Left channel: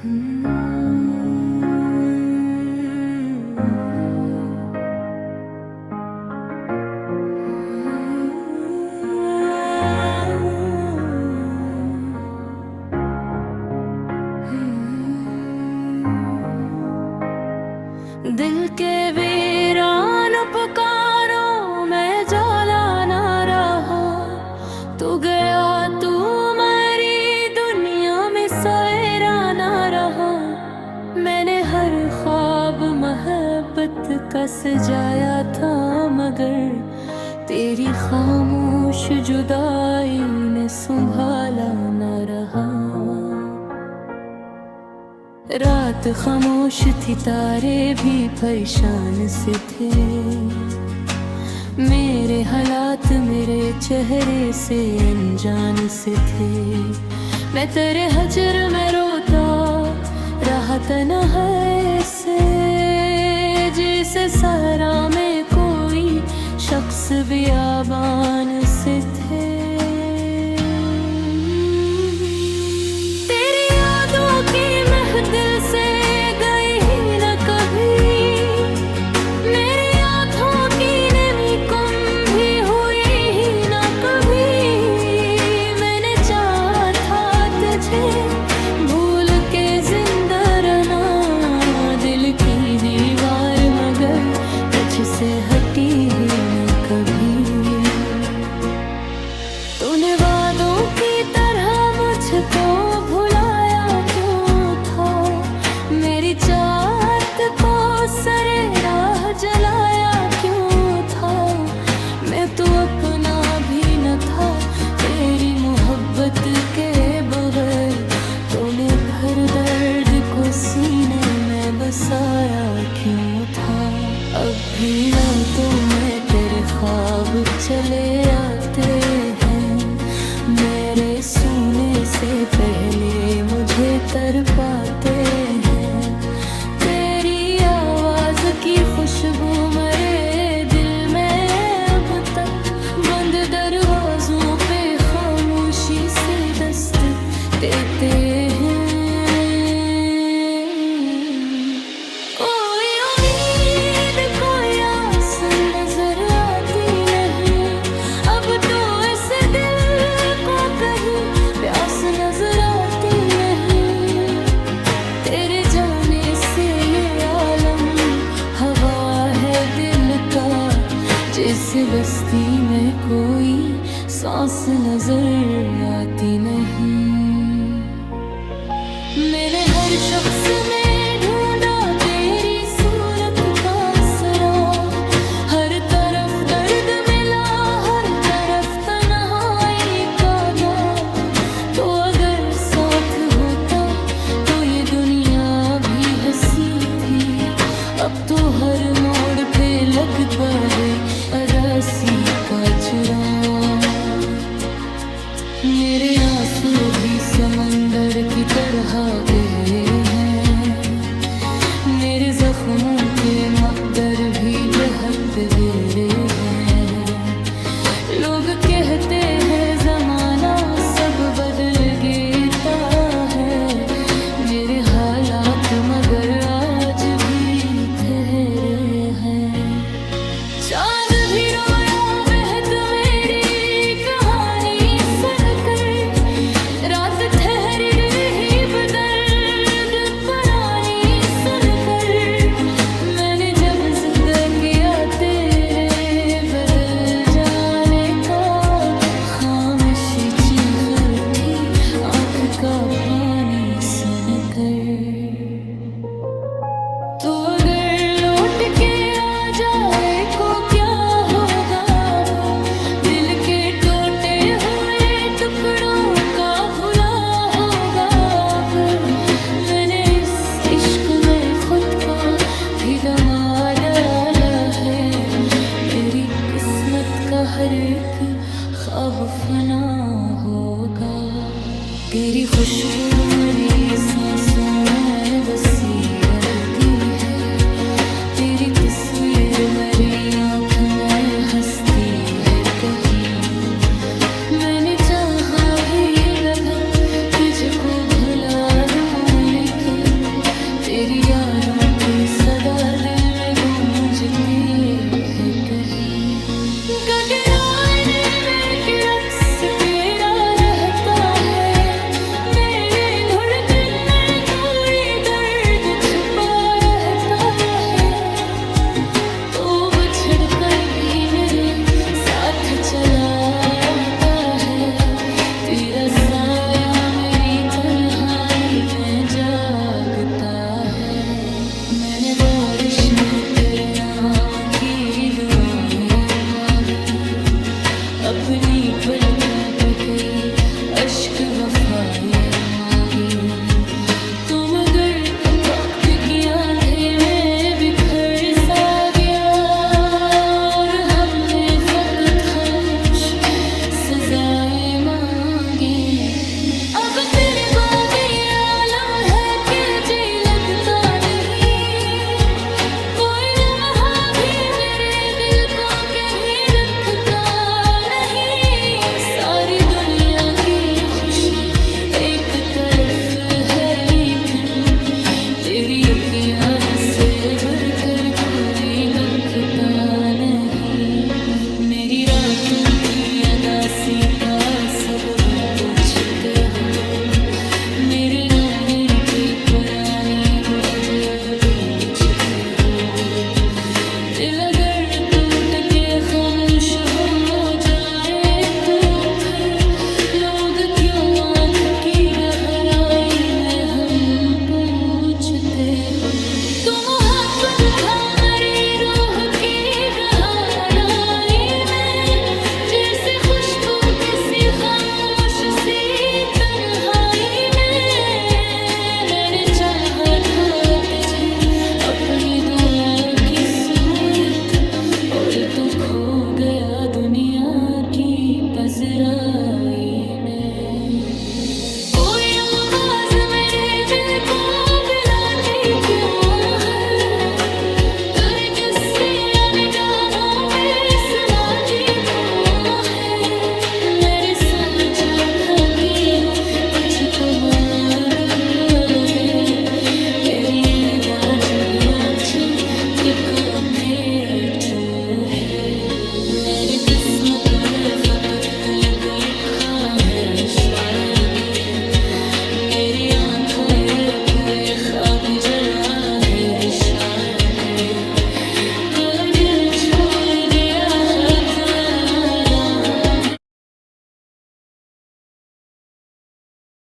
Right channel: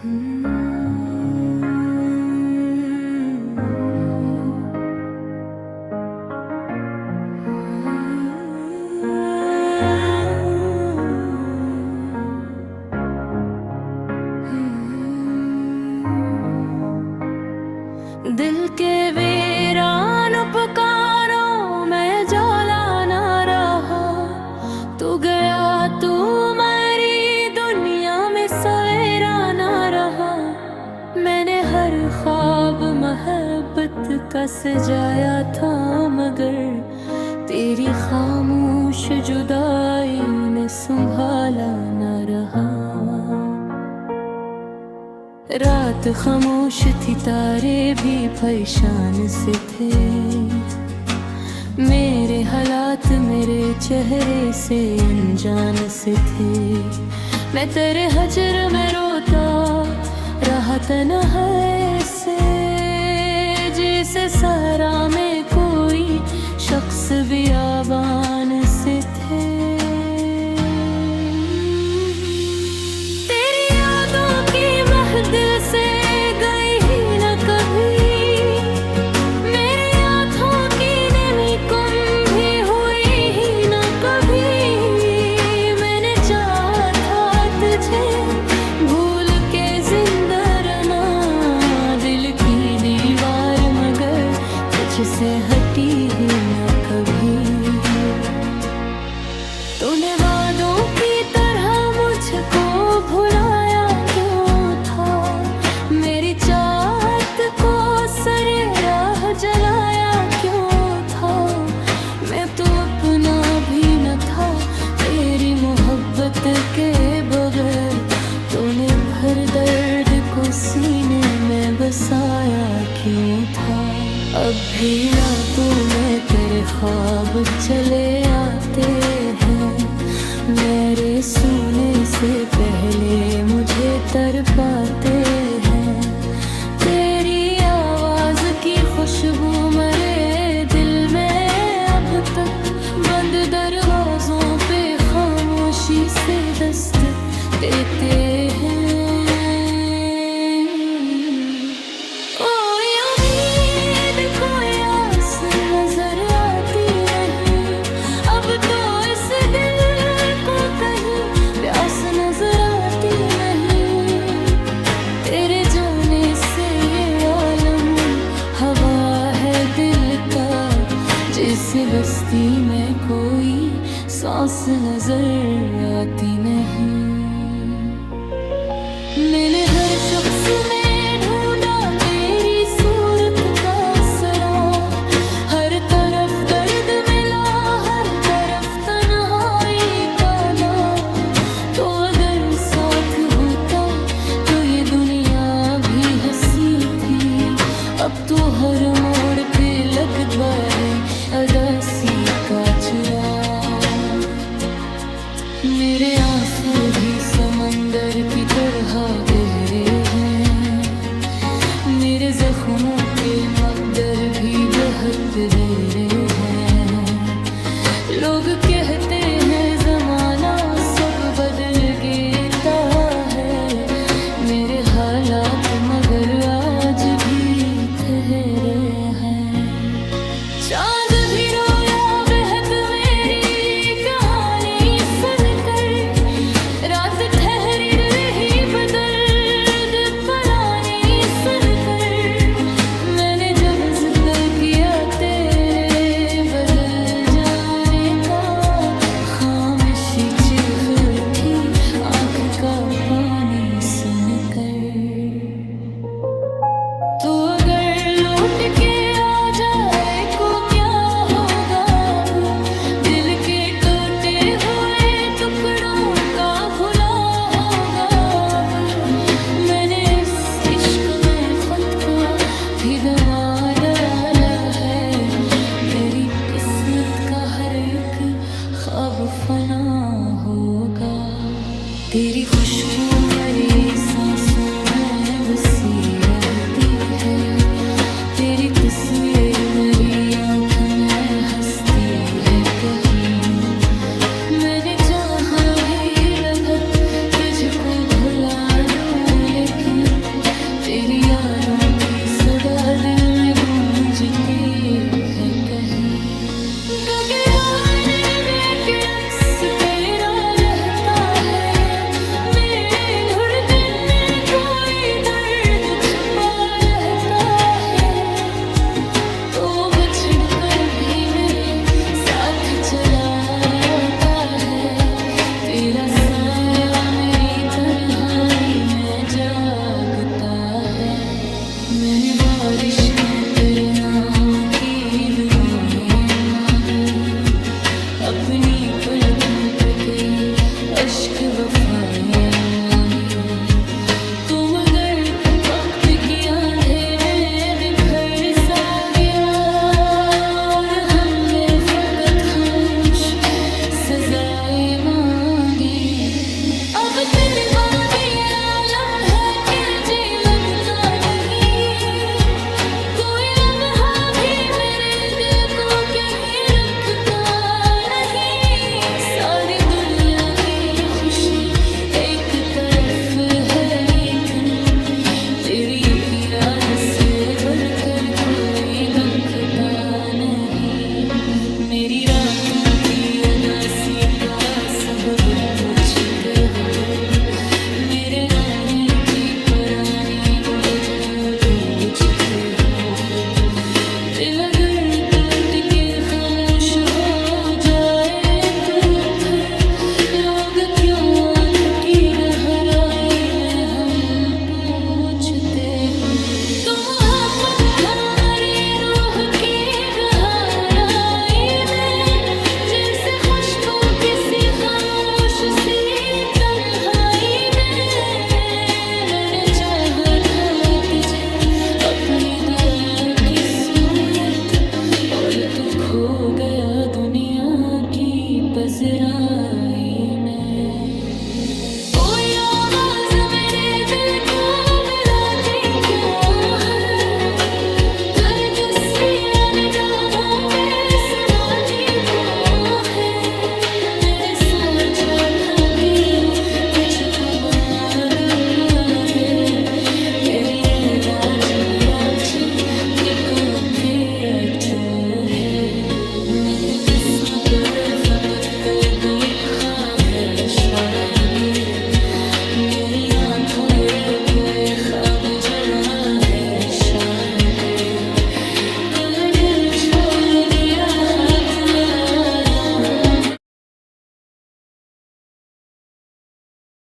दिल के वीरान पुकारो मैं जाला ना रहा। तू गया तू मेरी दुनिया में सवेरा ना रहा। मैंने हर ख्वाब मोहब्बत का सजाया था, मगर तेरी खामोश जुदाई ने संभाला ना रहा। रात खामोश थी, तारे भी परेशान से थे। मेरे हालात मेरे चेहरे से अनजान से थे। मैं तेरे हजर में रोता रहा तन्हाई से, जिसे सहरा में कोई शख्स बियाबान से थे। दिल से गई ही न कभी, मेरी आँखों की नमी कम भी हुई ही न कभी। मैंने चाहा था तुझे भूल के जिंदा रहना, दिल की दीवार मगर तुझसे हटी ही न कभी। तूने वादों की तरह मुझको भुलाया मेरी चाहत को सरे राह जलाया क्यों था। मैं तो अपना भी न था तेरी मोहब्बत के बगैर। तूने भर दर्द को सीने में बसाया क्यों था। अब भी रातों में तेरे ख्वाब चले आते हैं, मेरे सोने से पहले मुझे तड़पाते हैं। तेरी आवाज की खुशबू मेरे दिल में अब तक बंद दरवाजों पे खामोशी से दस्तक देते हैं। कोई उम्मीद कोई आस नजर आती नहीं, अब तो इस दिल प्यास नजर आती नहीं। तेरे जाने से ये आलम हवा है दिल का, जिस बस्ती में कोई सांस नजर आती नहीं। मैंने हर शख्स में ढूंढा तेरी सूरत का सराग, हर तरफ दर्द मिला हर तरफ तन्हाई का दाग। तो अगर साथ होता तो ये दुनिया भी हंसी थी। अब तो हर मोड़ पे लगता है अदासी का चिराग। मेरे आंसू भी समंदर की तरह गए हैं, मेरे जख्मों के मकदर भी बेहद गहरे हैं। लोग कहते हैं जमाना सब बदल गया है, मेरे हालात मगर आज भी ठहरे हैं। चांद भी रोया बेहद मेरी कहानी सुनकर, रात ठहरी रही बदर्द परानी सुनकर। मैंने जब जिक्र किया तेरे बदल जाने का, खामोशी चीख थी आँख का पानी सुनकर। तू अगर लौट के आ जाए को क्या होगा अब, दिल के टूटे हुए टुकड़ों का भुला होगा अब। मैंने इस इश्क में खुद को भी दबा डाला है, मेरी किस्मत का हर एक ख्वाब फना होगा। तेरी खुशबू मेरी सांसों में बसी रहती है, तेरी तस्वीर मेरी आँख में हंसती है कहीं। मैंने चाहा भी बहुत तुझको भुला दूं लेकिन तेरी यादों की सदा दिल में गूंजती है कहीं। गगराने में एक रक्स तेरा रहता है, मेरे धड़कन में कोई दर्द छुपा रहता है। तो बिछड़ कर भी मेरे साथ चलाता है, तेरा साया मेरी तन्हाई में जागता है। मैंने बारिश में तेरे नाम की दुआएं मांगी, अपनी पलकों पे कई अश्क वफाएं मांगी। तुम अगर वक्त की आंधे में बिखर सा गया और हमने फकत खामोश सजाएं मांगी। अब तेरे बाद ये आलम है कि जी लगता नहीं, कोई लम्हा भी मेरे दिल को कहीं रखता नहीं। सारी दुनिया की खुशी एक तरफ है लेकिन तेरी एक याद से बढ़कर कोई दुखता नहीं। मेरी रातों की अदासी का सबब पूछते हो, मेरे रोने की परानी को अजब पूछते हो। दिल अगर टूट के खामोश हो जाए तो फिर लोग क्यों आँख की गहराई में हम पूछते हो। तुम मोहब्बत था मेरी रूह की गहराई में, जैसे खुशबू किसी खामोश सी तन्हाई में। मैंने चाहा था तुझे अपनी दुआ की सूरत, और तू खो गया दुनिया की पजराई में। कोई आवाज मेरे दिल को बुलाती क्यों है, नरगिस की निगाहों में समाती क्यों है। मैंने सोचा था कि तुझको मारू लगे, तेरी ये दाज भी अच्छी के अच्छो है। मेरी किस्मत में फकत लिखा है शायद, मेरी आँखों पे ख्वाब जला है शायद। कल दिल छोड़ दिया हाथ लड़ा